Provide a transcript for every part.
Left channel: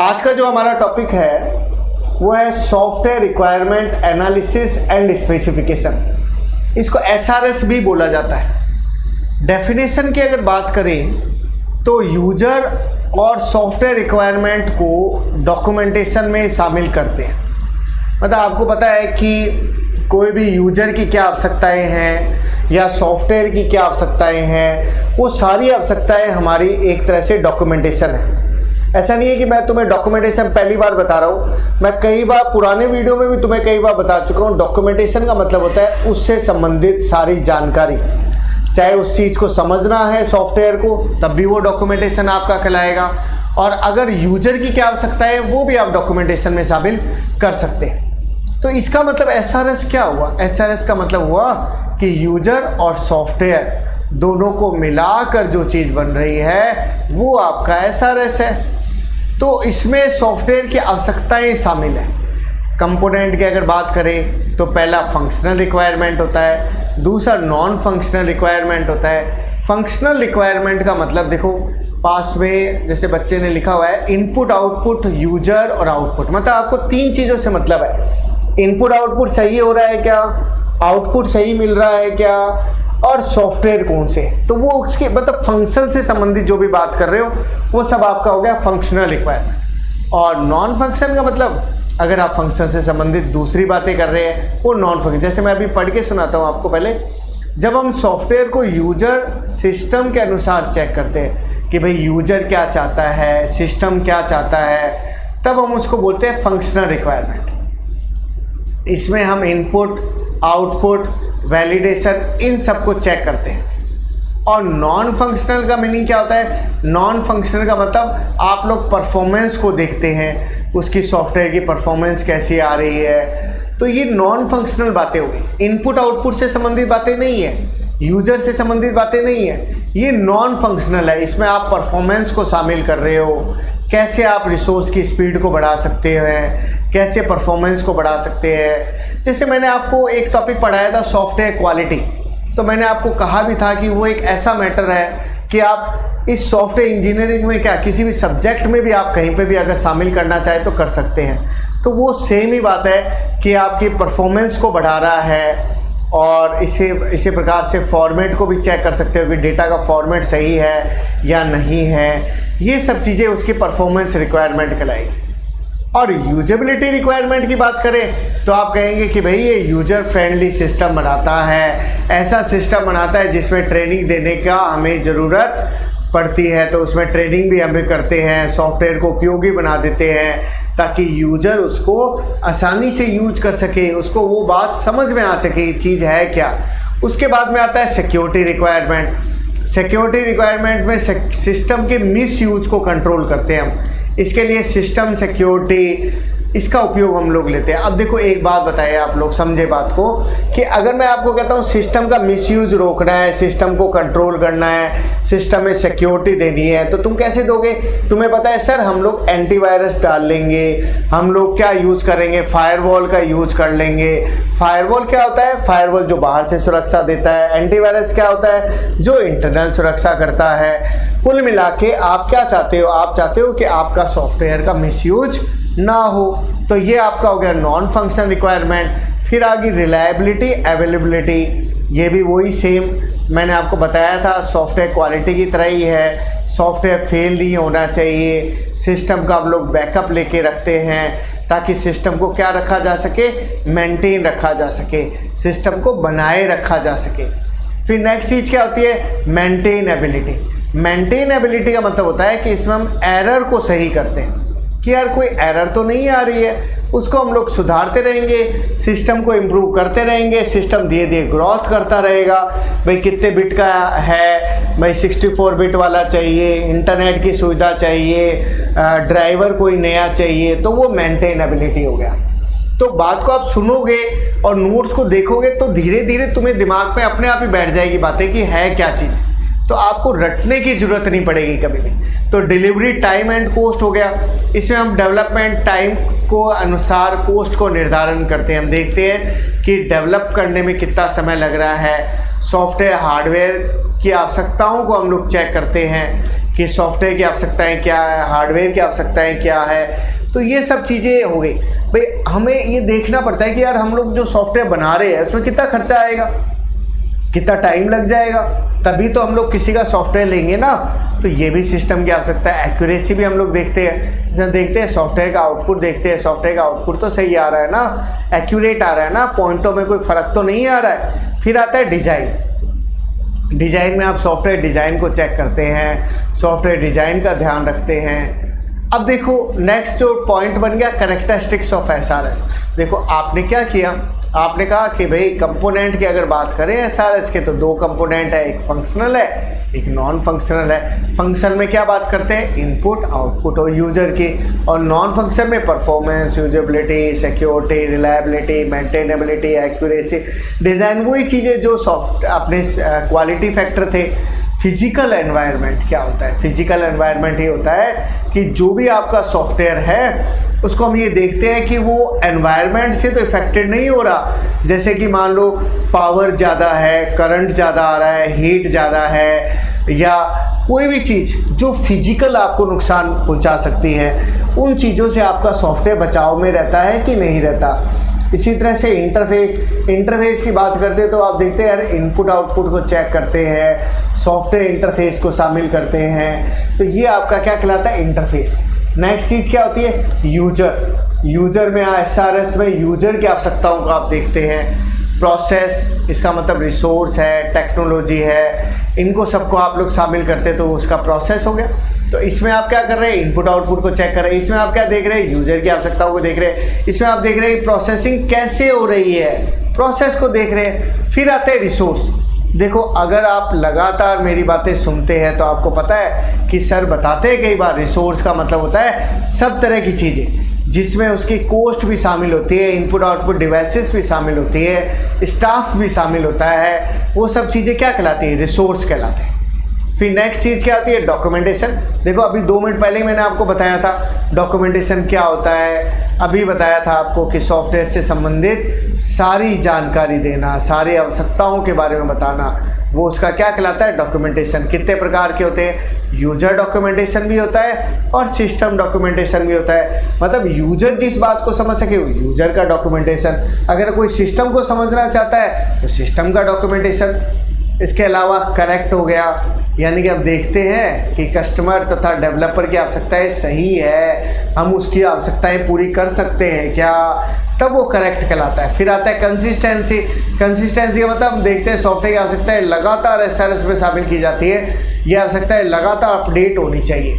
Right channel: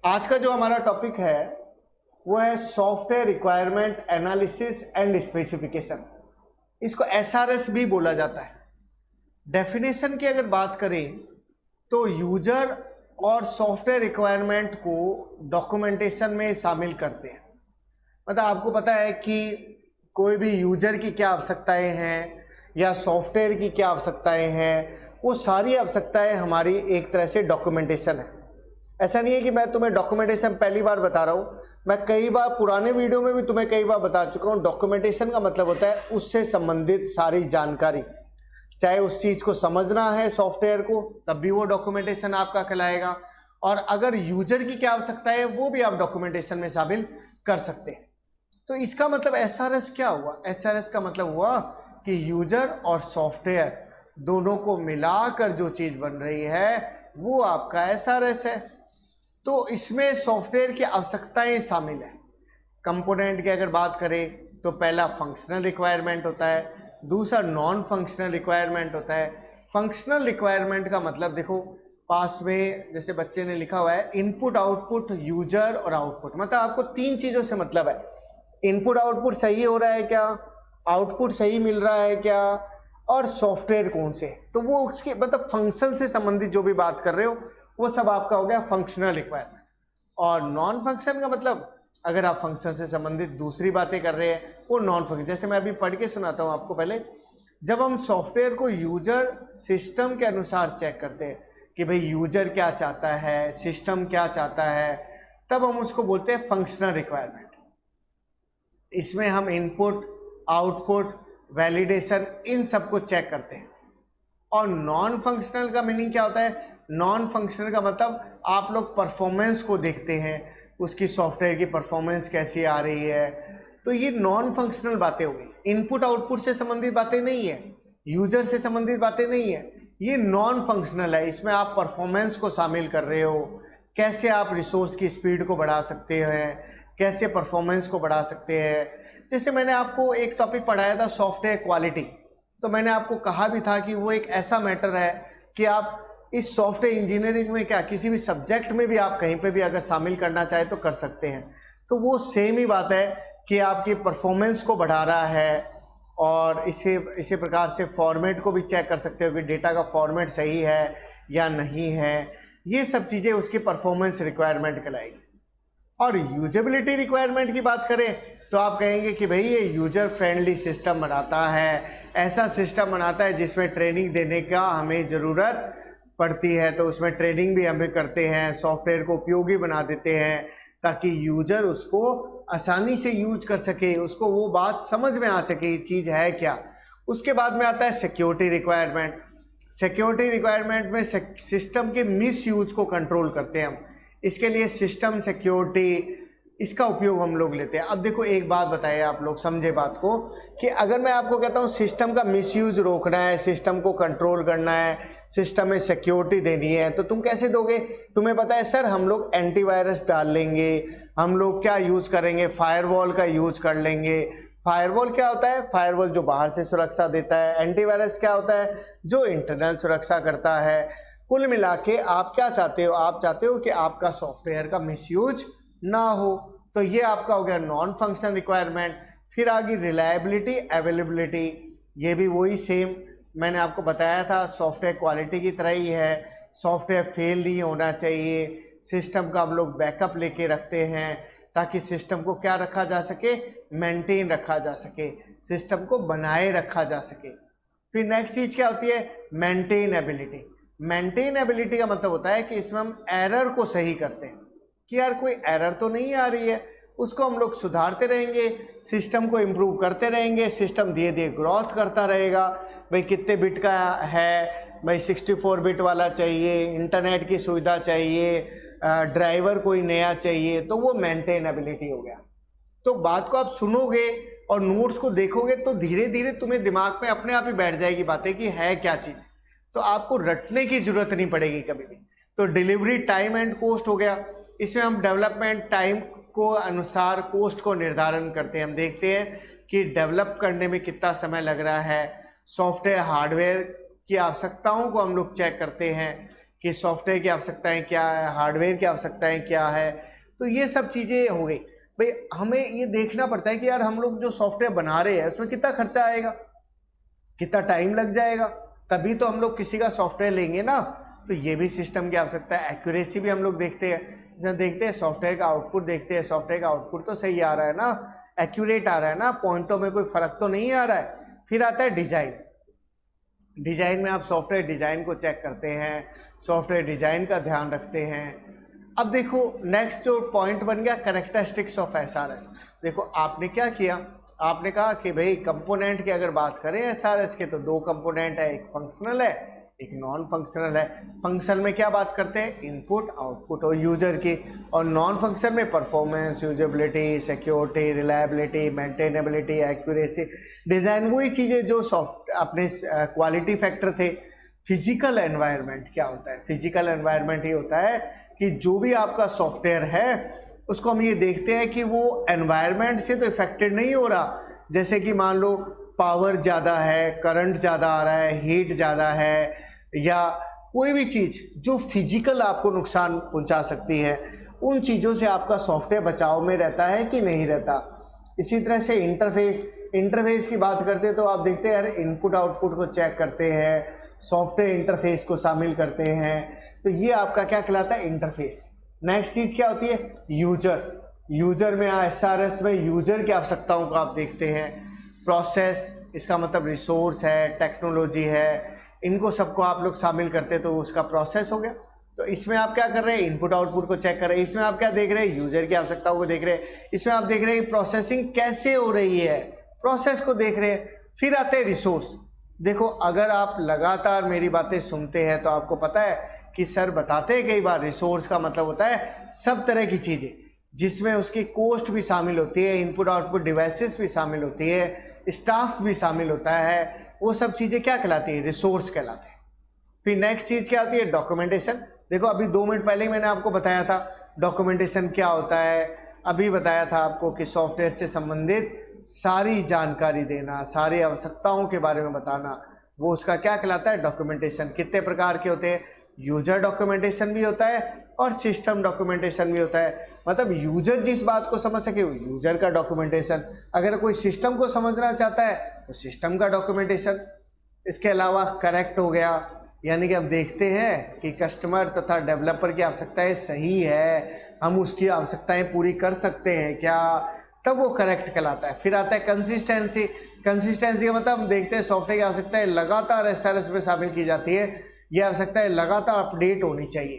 आज का जो हमारा टॉपिक है वो है software requirement analysis and specification. इसको एसआरएस भी बोला जाता है। डेफिनेशन की अगर बात करें तो यूजर और सॉफ्टवेयर रिक्वायरमेंट को डॉक्यूमेंटेशन में शामिल करते हैं। मतलब आपको पता है कि कोई भी यूजर की क्या आवश्यकताएं हैं या सॉफ्टवेयर की क्या आवश्यकताएं हैं, वो सारी आवश्यकताएं हमारी एक तरह से डॉक्यूमेंटेशन है। ऐसा नहीं है कि मैं तुम्हें डॉक्यूमेंटेशन पहली बार बता रहा हूँ, मैं कई बार पुराने वीडियो में भी तुम्हें कई बार बता चुका हूँ। डॉक्यूमेंटेशन का मतलब होता है उससे संबंधित सारी जानकारी, चाहे उस चीज़ को समझना है सॉफ्टवेयर को, तब भी वो डॉक्यूमेंटेशन आपका कहलाएगा। और अगर यूजर की क्या आवश्यकता है वो भी आप डॉक्यूमेंटेशन में शामिल कर सकते हैं। तो इसका मतलब एसआरएस क्या हुआ? एसआरएस का मतलब हुआ कि यूजर और सॉफ्टवेयर दोनों को मिलाकर जो चीज़ बन रही है वो आपका एसआरएस है। तो इसमें सॉफ्टवेयर की आवश्यकताएं शामिल है। कंपोनेंट की अगर बात करें तो पहला फंक्शनल रिक्वायरमेंट होता है, दूसरा नॉन फंक्शनल रिक्वायरमेंट होता है। फंक्शनल रिक्वायरमेंट का मतलब देखो, पास में जैसे बच्चे ने लिखा हुआ है इनपुट आउटपुट यूजर और आउटपुट, मतलब आपको तीन चीज़ों से मतलब है। इनपुट आउटपुट सही हो रहा है क्या, आउटपुट सही मिल रहा है क्या, और सॉफ्टवेयर कौन से, तो वो उसके मतलब फंक्शन से संबंधित जो भी बात कर रहे हो वो सब आपका हो गया फंक्शनल रिक्वायरमेंट। और नॉन फंक्शन का मतलब अगर आप फंक्शन से संबंधित दूसरी बातें कर रहे हैं वो नॉन फंक्शन। जैसे मैं अभी पढ़ के सुनाता हूँ आपको। पहले जब हम सॉफ्टवेयर को यूजर सिस्टम के अनुसार चेक करते हैं कि भाई यूजर क्या चाहता है, सिस्टम क्या चाहता है, तब हम उसको बोलते हैं फंक्शनल रिक्वायरमेंट। इसमें हम इनपुट, आउटपुट, वैलिडेशन इन सबको चेक करते हैं। और नॉन फंक्शनल का मीनिंग क्या होता है? नॉन फंक्शनल का मतलब आप लोग परफॉर्मेंस को देखते हैं, उसकी सॉफ्टवेयर की परफॉर्मेंस कैसी आ रही है। तो ये नॉन फंक्शनल बातें हो गई। इनपुट आउटपुट से संबंधित बातें नहीं है, यूजर से संबंधित बातें नहीं है, ये नॉन फंक्शनल है। इसमें आप परफॉर्मेंस को शामिल कर रहे हो, कैसे आप रिसोर्स की स्पीड को बढ़ा सकते हैं, कैसे परफॉर्मेंस को बढ़ा सकते हैं। जैसे मैंने आपको एक टॉपिक पढ़ाया था सॉफ्टवेयर क्वालिटी, तो मैंने आपको कहा भी था कि वो एक ऐसा मैटर है कि आप इस सॉफ्टवेयर इंजीनियरिंग में क्या किसी भी सब्जेक्ट में भी आप कहीं पे भी अगर शामिल करना चाहें तो कर सकते हैं। तो वो सेम ही बात है कि आपकी परफॉर्मेंस को बढ़ा रहा है। और इसी प्रकार से फॉर्मेट को भी चेक कर सकते हो कि डेटा का फॉर्मेट सही है या नहीं है। ये सब चीज़ें उसकी परफॉर्मेंस रिक्वायरमेंट कहलाएगी। और यूजेबिलिटी रिक्वायरमेंट की बात करें तो आप कहेंगे कि भाई ये यूजर फ्रेंडली सिस्टम बनाता है, ऐसा सिस्टम बनाता है जिसमें ट्रेनिंग देने का हमें ज़रूरत पड़ती है, तो उसमें ट्रेनिंग भी हमें करते हैं, सॉफ्टवेयर को उपयोगी बना देते हैं ताकि यूजर उसको आसानी से यूज कर सके, उसको वो बात समझ में आ सके चीज़ है क्या। उसके बाद में आता है सिक्योरिटी रिक्वायरमेंट। सिक्योरिटी रिक्वायरमेंट में सिस्टम के मिस यूज को कंट्रोल करते हैं हम। इसके लिए सिस्टम सिक्योरिटी इसका उपयोग हम लोग लेते हैं। अब देखो एक बात बताइए, आप लोग समझे बात को, कि अगर मैं आपको कहता हूँ सिस्टम का मिसयूज रोकना है, सिस्टम को कंट्रोल करना है, सिस्टम में सिक्योरिटी देनी है, तो तुम कैसे दोगे? तुम्हें पता है सर हम लोग एंटीवायरस डाल लेंगे, हम लोग क्या यूज करेंगे, फायरवॉल का यूज कर लेंगे। फायरवॉल क्या होता है? फायरवॉल जो बाहर से सुरक्षा देता है। एंटीवायरस क्या होता है? जो इंटरनल सुरक्षा करता है। कुल मिला के आप क्या चाहते हो? आप चाहते हो कि आपका सॉफ्टवेयर का मिसयूज ना हो। तो ये आपका हो गया नॉन फंक्शनल रिक्वायरमेंट। फिर आ गई रिलायबिलिटी, अवेलेबिलिटी। ये भी वही सेम मैंने आपको बताया था, सॉफ्टवेयर क्वालिटी की तरह ही है। सॉफ्टवेयर फेल नहीं होना चाहिए। सिस्टम का हम लोग बैकअप लेके रखते हैं ताकि सिस्टम को क्या रखा जा सके, मेंटेन रखा जा सके, सिस्टम को बनाए रखा जा सके। फिर नेक्स्ट चीज़ क्या होती है? मेंटेनेबिलिटी। मेंटेनेबिलिटी का मतलब होता है कि इसमें हम एरर को सही करते हैं कि यार कोई एरर तो नहीं आ रही है, उसको हम लोग सुधारते रहेंगे, सिस्टम को इम्प्रूव करते रहेंगे, सिस्टम धीरे धीरे ग्रोथ करता रहेगा। भाई कितने बिट का है, भाई 64 बिट वाला चाहिए, इंटरनेट की सुविधा चाहिए, ड्राइवर कोई नया चाहिए, तो वो मेंटेनेबिलिटी हो गया। तो बात को आप सुनोगे और नोट्स को देखोगे तो धीरे धीरे तुम्हें दिमाग में अपने आप ही बैठ जाएगी बातें कि है क्या चीज़, तो आपको रटने की जरूरत नहीं पड़ेगी कभी भी। तो डिलीवरी टाइम एंड कॉस्ट हो गया। इसमें हम डेवलपमेंट टाइम को अनुसार कॉस्ट को निर्धारण करते हैं। हम देखते हैं कि डेवलप करने में कितना समय लग रहा है। सॉफ्टवेयर हार्डवेयर की आवश्यकताओं को हम लोग चेक करते हैं कि सॉफ्टवेयर की आवश्यकताएं क्या है, हार्डवेयर की आवश्यकताएं क्या है। तो ये सब चीज़ें हो गई भाई। हमें ये देखना पड़ता है कि यार हम लोग जो सॉफ्टवेयर बना रहे हैं उसमें कितना खर्चा आएगा, कितना टाइम लग जाएगा, तभी तो हम लोग किसी का सॉफ्टवेयर लेंगे ना। तो ये भी सिस्टम की आवश्यकता है। एक्यूरेसी भी हम लोग देखते हैं, जैसे देखते हैं सॉफ्टवेयर का आउटपुट, देखते हैं सॉफ्टवेयर का आउटपुट तो सही आ रहा है ना, एक्यूरेट आ रहा है ना, पॉइंटों में कोई फ़र्क तो नहीं आ रहा है। फिर आता है डिज़ाइन। डिज़ाइन में आप सॉफ्टवेयर डिज़ाइन को चेक करते हैं, सॉफ्टवेयर डिज़ाइन का ध्यान रखते हैं। अब देखो नेक्स्ट जो पॉइंट बन गया कैरेक्टरिस्टिक्स ऑफ एसआरएस। देखो आपने क्या किया, आपने कहा कि भाई कंपोनेंट की अगर बात करें एसआरएस के तो दो कंपोनेंट है, एक फंक्शनल है एक नॉन फंक्शनल है। फंक्शन में क्या बात करते हैं, इनपुट आउटपुट और यूजर की, और नॉन फंक्शन में performance, usability, security, reliability, maintainability, accuracy, design, वही चीज़ें जो सॉफ्ट अपने क्वालिटी फैक्टर थे। फिजिकल एनवायरनमेंट क्या होता है, फिजिकल एनवायरनमेंट ये होता है कि जो भी आपका सॉफ्टवेयर है उसको हम ये देखते हैं कि वो एनवायरनमेंट से तो इफेक्टेड नहीं हो रहा। जैसे कि मान लो पावर ज़्यादा है, करंट ज़्यादा आ रहा है, हीट ज़्यादा है, या कोई भी चीज़ जो फिजिकल आपको नुकसान पहुंचा सकती है, उन चीज़ों से आपका सॉफ्टवेयर बचाव में रहता है कि नहीं रहता। इसी तरह से इंटरफेस की बात करते हैं तो आप देखते हैं यार इनपुट आउटपुट को चेक करते हैं, सॉफ्टवेयर इंटरफेस को शामिल करते हैं। तो ये आपका क्या कहलाता है, इंटरफेस। नेक्स्ट चीज़ क्या होती है, यूजर में एसआरएस में यूजर की आवश्यकताओं को आप देखते हैं। प्रोसेस, इसका मतलब रिसोर्स है, टेक्नोलॉजी है, इनको सबको आप लोग शामिल करते हैं तो उसका प्रोसेस हो गया। तो इसमें आप क्या कर रहे हैं, इनपुट आउटपुट को चेक कर रहे हैं। इसमें आप क्या देख रहे हैं, यूजर की आवश्यकताओं को देख रहे हैं। इसमें आप देख रहे हैं प्रोसेसिंग कैसे हो रही है, प्रोसेस को देख रहे हैं। फिर आते हैं रिसोर्स। देखो अगर आप लगातार मेरी बातें सुनते हैं तो आपको पता है कि सर बताते हैं कई बार, रिसोर्स का मतलब होता है सब तरह की चीज़ें जिसमें उसकी कॉस्ट भी शामिल होती है, इनपुट आउटपुट डिवाइसेस भी शामिल होती है, स्टाफ भी शामिल होता है, वो सब चीज़ें क्या कहलाती है, रिसोर्स कहलाते हैं। फिर नेक्स्ट चीज़ क्या आती है, डॉक्यूमेंटेशन। देखो अभी 2 मिनट पहले मैंने आपको बताया था डॉक्यूमेंटेशन क्या होता है। अभी बताया था आपको कि सॉफ्टवेयर से संबंधित सारी जानकारी देना, सारी आवश्यकताओं के बारे में बताना, वो उसका क्या कहलाता है, डॉक्यूमेंटेशन। कितने प्रकार के होते हैं, यूजर डॉक्यूमेंटेशन भी होता है और सिस्टम डॉक्यूमेंटेशन भी होता है। मतलब यूजर जिस बात को समझ सके यूजर का डॉक्यूमेंटेशन, अगर कोई सिस्टम को समझना चाहता है तो सिस्टम का डॉक्यूमेंटेशन। इसके अलावा करेक्ट हो गया, यानी कि अब देखते हैं कि कस्टमर तथा डेवलपर की आवश्यकताएं सही है, हम उसकी आवश्यकताएं पूरी कर सकते हैं क्या, तब वो करेक्ट कहलाता है। फिर आता है कंसिस्टेंसी। कंसिस्टेंसी का मतलब हम देखते हैं सॉफ्टवेयर की आवश्यकताएं लगातार एसआरएस में शामिल की जाती है, यह आवश्यकताएं लगातार अपडेट होनी चाहिए।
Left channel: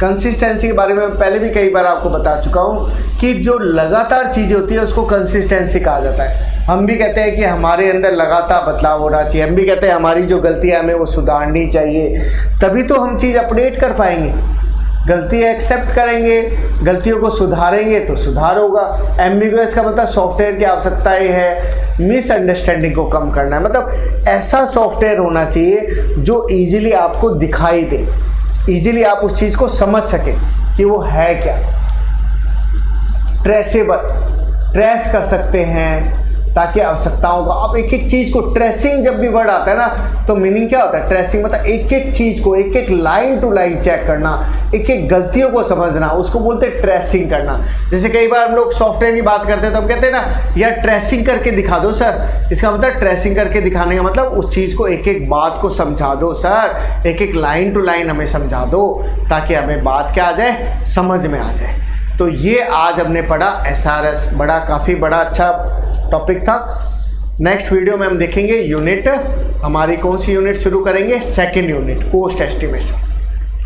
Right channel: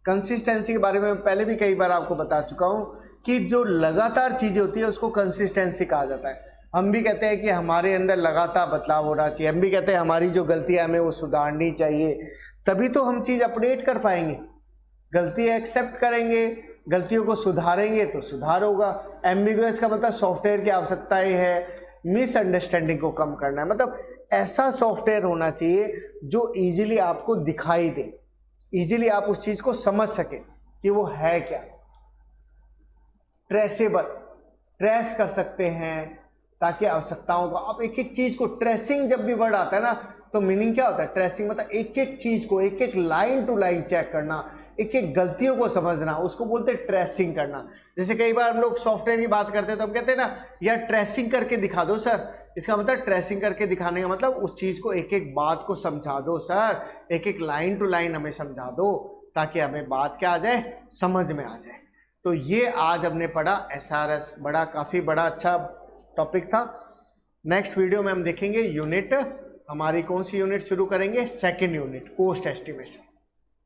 कंसिस्टेंसी के बारे में पहले भी कई बार आपको बता चुका हूँ कि जो लगातार चीज़ें होती है उसको कंसिस्टेंसी कहा जाता है। हम भी कहते हैं कि हमारे अंदर लगातार बदलाव होना चाहिए, हम भी कहते हैं हमारी जो गलतियाँ हमें वो सुधारनी चाहिए, तभी तो हम चीज़ अपडेट कर पाएंगे। गलती एक्सेप्ट करेंगे, गलतियों को सुधारेंगे तो सुधार होगा। एम्बिगुअस का मतलब सॉफ्टवेयर की आवश्यकताएं है, मिसअंडरस्टैंडिंग को कम करना है। मतलब ऐसा सॉफ्टवेयर होना चाहिए जो इजीली आपको दिखाई दे, इजीली आप उस चीज़ को समझ सके कि वो है क्या। ट्रेसेबल, ट्रेस कर सकते हैं ताकि आवश्यकताओं को, आप एक एक चीज़ को, ट्रेसिंग जब भी वर्ड आता है ना तो मीनिंग क्या होता है, ट्रेसिंग मतलब एक एक चीज़ को, एक एक लाइन टू लाइन चेक करना, एक एक गलतियों को समझना, उसको बोलते हैं ट्रेसिंग करना। जैसे कई बार हम लोग सॉफ्टवेयर की बात करते हैं तो हम कहते हैं ना यार ट्रेसिंग करके दिखा दो सर, इसका मतलब ट्रेसिंग करके दिखाने का मतलब उस चीज़ को एक एक बात को समझा दो सर, एक एक लाइन टू लाइन हमें समझा दो ताकि हमें बात क्या आ जाए, समझ में आ जाए। तो ये आज हमने पढ़ा एसआरएस, काफ़ी बड़ा अच्छा टॉपिक था। नेक्स्ट वीडियो में हम देखेंगे यूनिट, हमारी कौन सी यूनिट शुरू करेंगे, सेकंड यूनिट, कॉस्ट एस्टिमेशन।